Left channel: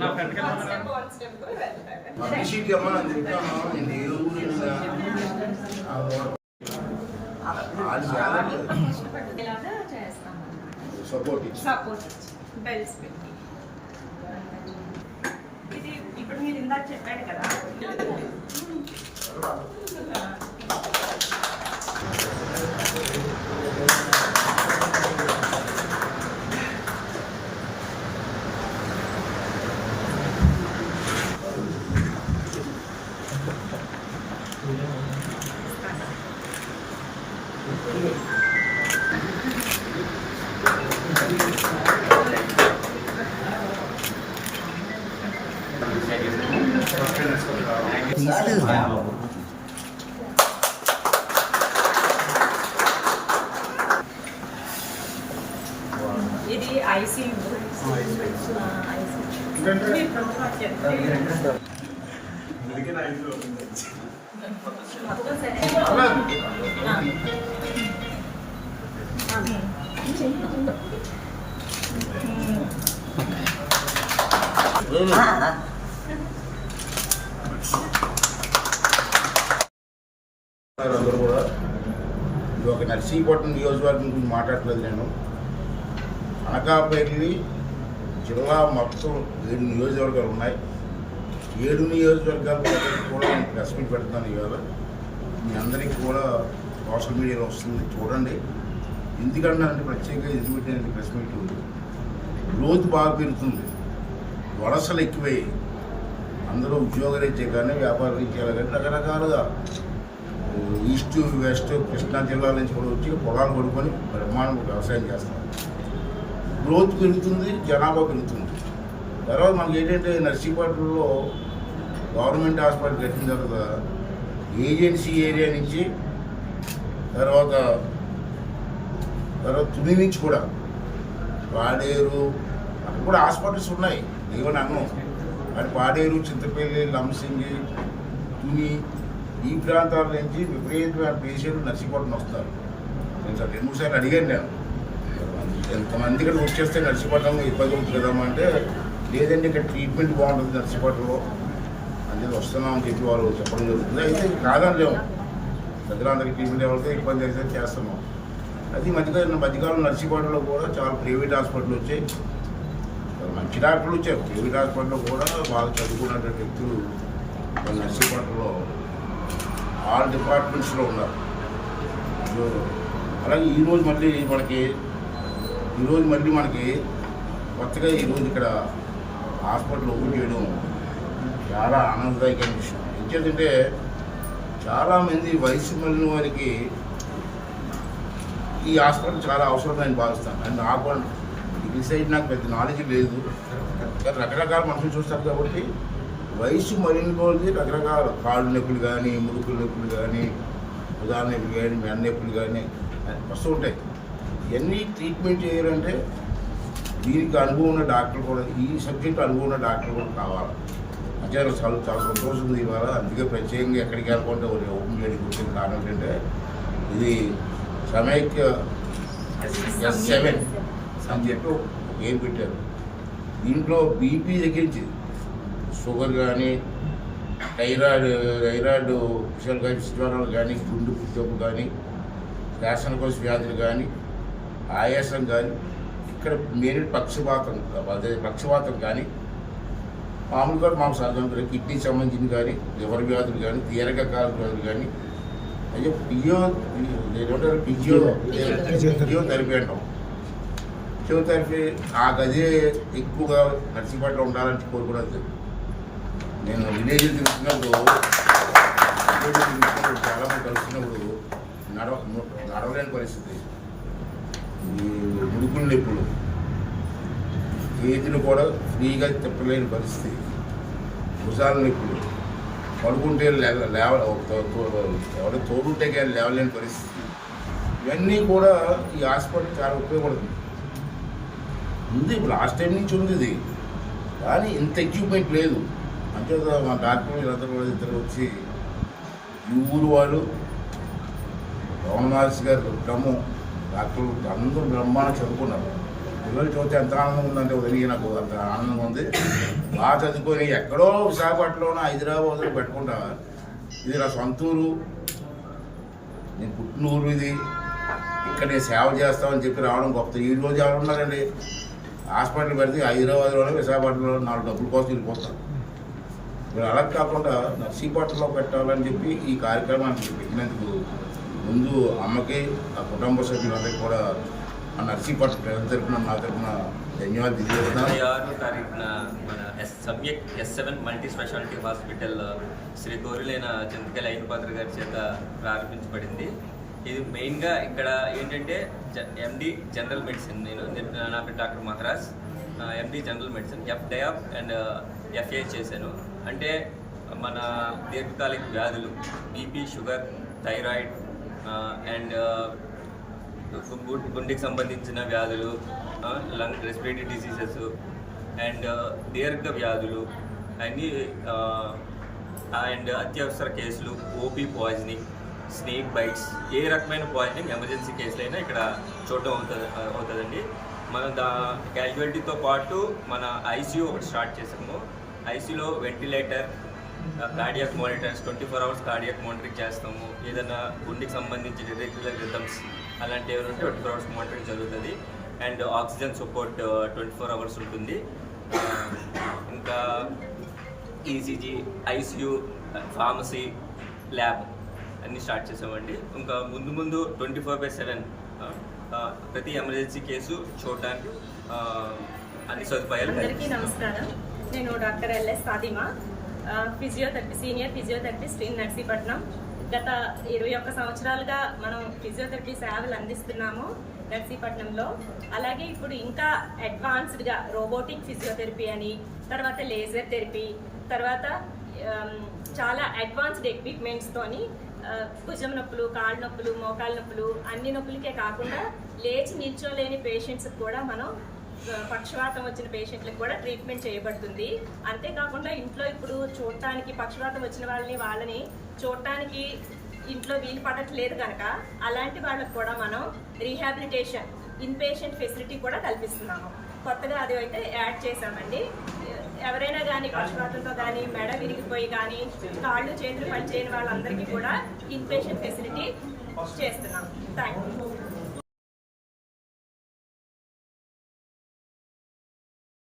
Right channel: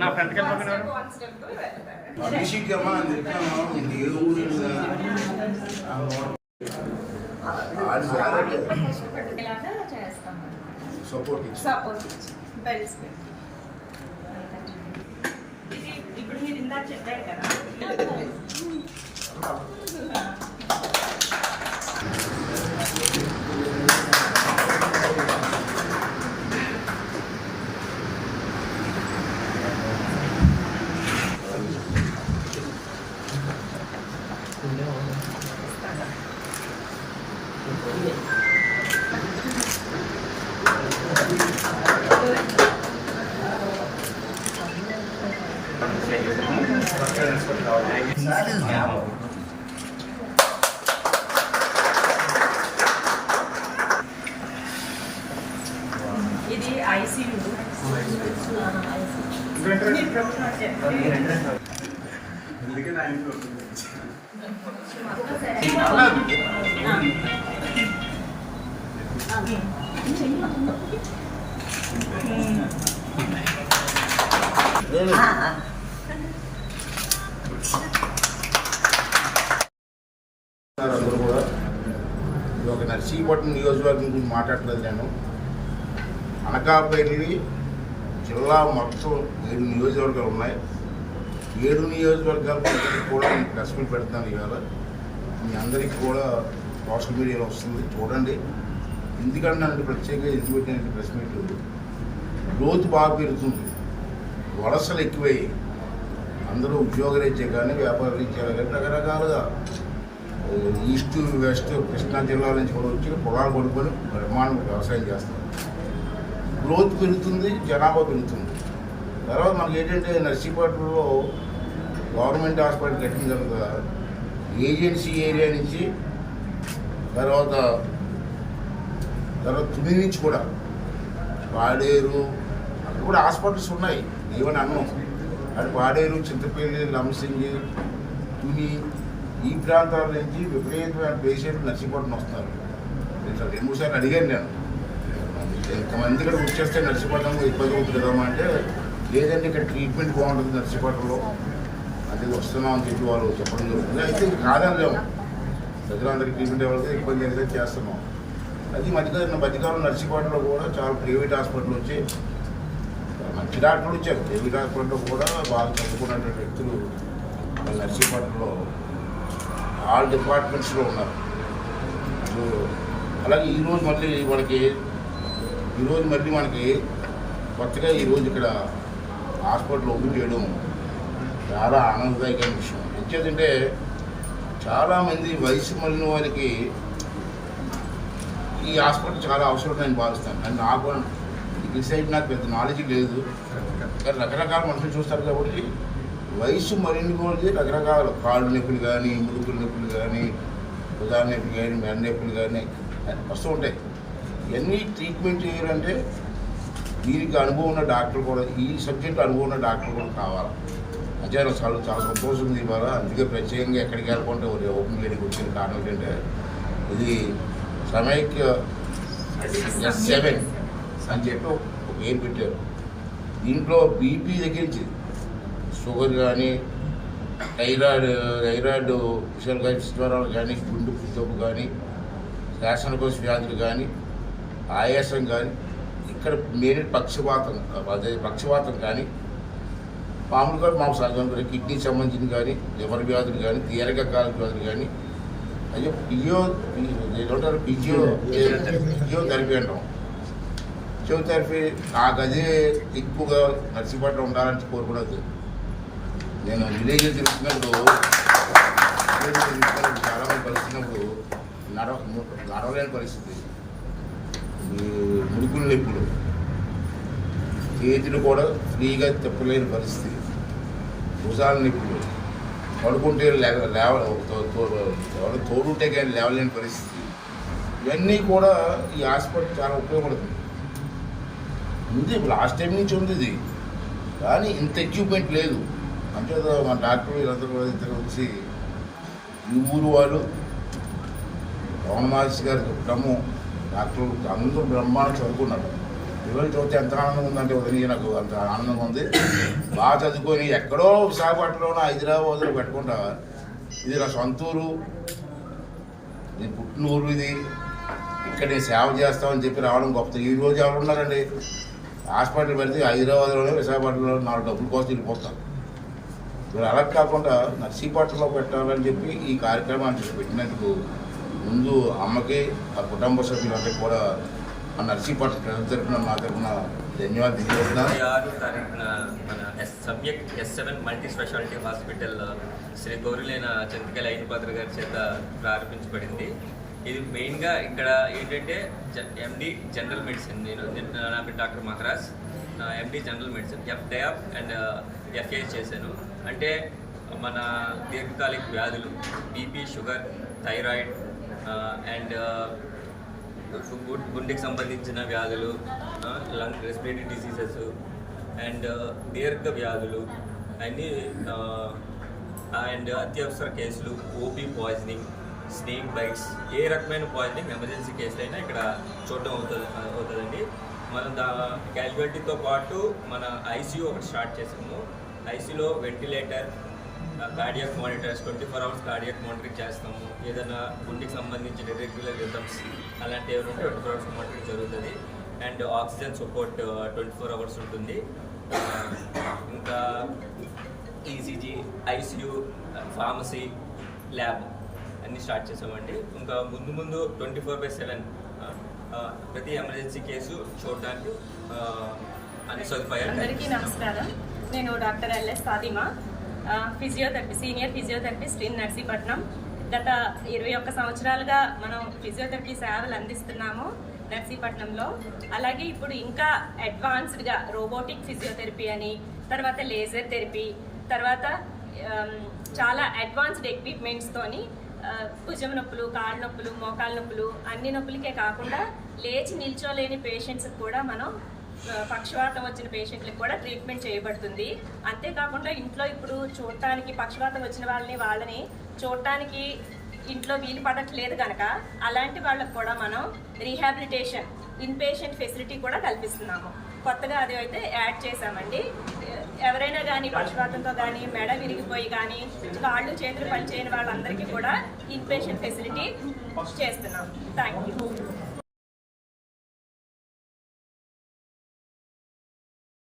నా friend support bells పెట్టి ఇది ఇప్పుడు మీరు ఇందాక చెప్పాడు కదా. ఇది ఐసీయూ అందరూ కూడా ఇది ఒక నర్సీపట్నం నియోజకవర్గం గురించి మాట్లాడలేదు. నేను అనకాపల్లి జిల్లా మొత్తం 7 నియోజకవర్గాలు ఉన్నాయి. 7 నియోజకవర్గాలు కూడా నేను ప్రెస్ మీట్ పెడుతున్నాను. ఇవాళ మీ అందరికీ కూడా సోషల్ మీడియాలో వస్తుంది, చూడండి. ఎందుకంటే నన్ను ప్రత్యేకంగా ఎందుకు పెట్టిన ప్రెస్ మీట్, గ్రోత్ బాగా పెరుగుతుంది, వలసలు ఎక్కువయ్యి అందరూ ఉద్యోగరీత్యా కానీ వ్యాపార రీత్యాలు కానీ రకరకాలుగా ఈస్ట్ వెస్ట్ కృష్ణా జిల్లాల నుంచి కూడా వచ్చి పొలాలు కొనుక్కొని బ్రహ్మాండం వ్యవసాయం చేస్తారు. గ్రోత్ పెరుగుతుంది, జనాభా పెరుగుతుంది. తర్వాత మనకి ఏంటంటే నర్సీపట్నంలో గవర్నమెంట్ హాస్పిటల్ కట్టిన తర్వాత ఏజెన్సీ ఏరియా నుంచి తర్వాత తుని నుంచి కూడా పాడేరు అక్కడ కూడా హాస్పిటల్స్ ఉన్నాయి. ఏమని అన్నం అటు పాడేరు, చింతపల్లి, లంసింగి, తుని ఈ ప్రాంతాల నుంచి విపరీతమైన పేషెంట్లు నర్సీపట్నం వస్తారు. నేను 2-3 సార్లు అడిగాను. నేను ఎంతమంది ఇక్కడికి వచ్చేస్తే నర్సీపట్నం ఇబ్బంది అవుతుంది కదమ్మా అంటే, లేదంటే ఇక్కడ ట్రీట్మెంట్ బాగుంటుంది నర్సీపట్నంలో అంటే వస్తున్నామని చెప్పి వాళ్ళు చెప్పడం జరుగుతుంది. అయితే కాదనిలేము, ప్రజలందరికీ ట్రీట్మెంట్ ఎవరికి ఇబ్బంది అయితే చేస్తున్నాం. అది మధ్యకాలం నర్సీపట్నంలో కూడా చాలా ప్రైవేట్ హాస్పిటల్ వచ్చి మంచి డాక్టర్లు వచ్చారు. ప్రైవేట్ హాస్పిటల్లో కూడా బాగా చదువుకున్నటువంటి వ్యక్తులు నర్సీపట్నంలో ఆల్ డిపార్ట్మెంట్స్లో ఉన్నారు. అలాగే ఈరోజు మళ్ళీ మనకి కొత్తగా ఈరోజు ఇక్కడ హాస్పిటల్ ఓపెన్ చేయడం చాలా ఆనందదాయకమైన విషయం. ఎందుకంటే చాలామంది వయసు మళ్ళిన వారికి ఈ హాస్పిటల్ చాలా అవసరం నేను భావిస్తాను. అండ్ నాకు ఈ సైడ్ నాకు పెద్ద నాలెడ్జ్ లేదు, రకరకాల మనుషులు చూస్తారు కాబట్టి వయసు మరిన కొద్ది రకరకాల కాళ్ళు నొప్పులు కానీ, ముడుకుల నొప్పులు కానీ, ఉదాహరణ నొప్పులు కానీ, మెడ నొప్పులు కానీ వస్తూ ఉంటాయి. ఇవన్నీ ట్రీట్మెంట్ చేయాలంటే దీనికి అనుభవం ఉన్న డాక్టర్ కూడా, ఈ సబ్జెక్టు అనుభవం ఉన్న డాక్టర్ కూడా కావాలి. అంటే చాలా చాలా సంతోషం ఉంది ఇవాళ. అందుకే ప్రత్యేకంగా ఎక్కడికి వెళ్ళకుంటే ఓపెన్ చేయడానికి వచ్చిన కారణం ఏంటంటే, ఇది సమైక్య S7 అని చెప్పి ఒక పేరు పెట్టారు. దీంట్లో బీపీ తగ్గించి షుగర్ కానీ, థైరాయిడ్ విషయాలు కానీ, జ్వరాలు కానీ, గుండె జబ్బు కానీ, శ్వాసకోశ వ్యాధులు కానీ, ఆయాసం కానీ, ఇక్కడ మెయిన్ పక్షవాతం కానీ, మామూలుగా సహజంగా కిడ్నీ సంబంధించిన కానీ, లివర్ వ్యాధులు కానీ, దీర్ఘకాల వ్యాధులు కానీ, అయ్యో ఫిజియోథెరపీ అంటాం. ఫిజియోథెరపీ నాకు అదే ఎక్కువగా నర్సీపట్నం ఉండాలని కోరుకున్నది. నేను విలేజ్ తిరుగుతున్నప్పుడు చాలామంది కలుస్తున్నప్పుడు నడవలేని పరిస్థితి, ఈ ముడుకుల నొప్పులు, చేతులు కూడా ఫ్రీగా తిప్పలేని పరిస్థితి, భుజాల నొప్పులు, పడుకుంటే ఎవరు తోడుంటే కానీ లేవలేని పరిస్థితి, ఇవన్నీ కూడా ఈ హాస్పిటల్ చాలా ఉపయోగపడుతుంది. ఉంది లాస్ట్ టైం నుంచి ఉంది ఇది, కానీ ఇంత ఎక్విప్మెంట్ లేదు. మంచిగా మా డాక్టర్లు వీళ్ళందరూ కూడా ఇద్దరు వచ్చి ఈ ఊరు వాళ్ళు పవన్ మహర్షి గారికి డమ్ము డాక్టర్లు అందరూ బ్రహ్మాండంగా చదువుకున్నారు. పిల్లలు చదివితే ఎంత ఆనందంగా ఉందంటే ఉదయం నాకు అంత ఆనందంగా ఉంది. బాగా చదువుకొని ఎక్కడో విశాఖపట్నంలో హైదరాబాద్లో పెట్టుకుంటా, ఇది నా సొంతూరు, నేను పుట్టిన ఊరు ఇది, ఇక్కడ నేను సేవ చేస్తామని చెప్పి రావడం గొప్ప. ఈ రోజు ఎవరు ఉన్నారండి హాస్పిటల్ పెడితే హైదరాబాద్లోనే విశాఖపట్నంలో 4 డబ్బుల కోసం వెళ్ళిపోతారు. మీరు అలా కాకుండా నర్సీపట్నంలో పెట్టాలని చెప్పి ఈ కార్యక్రమాన్ని పెట్టినందుకు ముందు అమ్మకి ఆ కుటుంబ సభ్యులందరికీ కూడా ఆ నర్సీపట్నం ప్రజల తరఫున నా తరఫున ధన్యవాదాలు తెలియజేస్తున్నాను. 6వ తారీఖున మన subject S7 multi speciality hospital Shri గౌరిలేన చింతకాయల అయినపాత్ర గారి చేత ప్రారంభించబడింది. ఇది మెయిన్గా ఇక్కడ ఏంటంటే MD జనరల్ మెడిసిన్, నా పేరు doctor Maharaj, MD general medicine, FDAP and FA చేశాను. అంటే మన దీర్ఘకాలిక వ్యాధులు, BP, షుగర్, థైరాయిడ్ అండ్ గుండెకి సంబంధించిన వ్యాధులు, లంగ్ రెస్పిరేటరీ డిసీజెస్ అండ్ దీర్ఘ వ్యాధులు అన్నీ అండ్ అత్యవసర కేసులు, OP పాయిజనింగ్, స్నేక్ బైట్స్, ఏ రకమైన పాయిజనింగ్ ఎమర్జెన్సీ కేసులైనా ఇక్కడ చూడటం అవుతుందండి. మనం క్యాజువాలిటీతో పాటు మన ICU ఒకటి స్టార్ట్ చేసాము. ICUలో ventilator, cardiac monitors, 24 hours cardiac monitoring చేస్తాము. ఏదైనా గుండెకి సంబంధించిన ఇర్రెగ్యులర్ రిథమ్స్ అలాంటివి ఉంటే 24 hours మానిటరింగ్ జరుగుతుంది. అండ్ ఆక్సిజన్ సపోర్ట్ 24 hours ఉంటుంది. ఇంకా ECG, ICU, ఫార్మసీ, ల్యాబ్ అన్నీ స్టార్ట్ చేసామండి. ఇంకా ముందు 24/7 ప్రతి ఎమర్జెన్సీ కేసు చూడడానికి అన్ని సదుపాయాలు. అందరికీ నమస్కారం. నేను doctor LS Fatima, physiotherapy, senior physiotherapist in Narsipatnam. గత 21 సంవత్సరాలుగా మనం ఫిజియోథెరపీ సేవలు అందిస్తున్నాము నర్సీపట్నంలో. అలాగే ఇప్పుడు ఇంకా అడ్వాన్స్డ్గా రోబోటిక్ ఫిజియోథెరపీ అని, తర్వాత లేజర్ థెరపీ, తర్వాత చాలా అడ్వాన్స్డ్ ఎక్విప్మెంట్స్తోని భుజం నొప్పులు, కాళ్ళ నొప్పులు, మోకాళ్ళ నొప్పులు, అన్ని నొప్పులకే కాకుండా లేచి నిల్చోలేని పేషెంట్స్కి కూడా మనం పక్షవాతం వచ్చిన పేషెంట్లకు కూడా ట్రీట్మెంట్ చేయబడుతుంది. అంతేకాకుండా ఇంట్లో ఇప్పుడు చూడటానికి పక్షవాతం వచ్చిన వాళ్ళని చూడటానికి ఇంట్లో వీలు పడట్లేదు కనుక అలాంటి వాళ్ళకు కూడా మనం రీహాబిలిటేషన్ ఇన్పేషెంట్ ఫెసిలిటీ కూడా కల్పిస్తున్నాము. కొత్తగా అది అయితే యాడ్ చేశామండి. ఎవరైనా కానీ పక్షవాతంతో కానీ, మెడ విరిగిపోయి కానీ, కాళ్ళు చేతులు పనిచేయని వాళ్ళందరికీ కూడా ఇన్పేషెంట్ ఫెసిలిటీ చేస్తున్నాం. Thank you.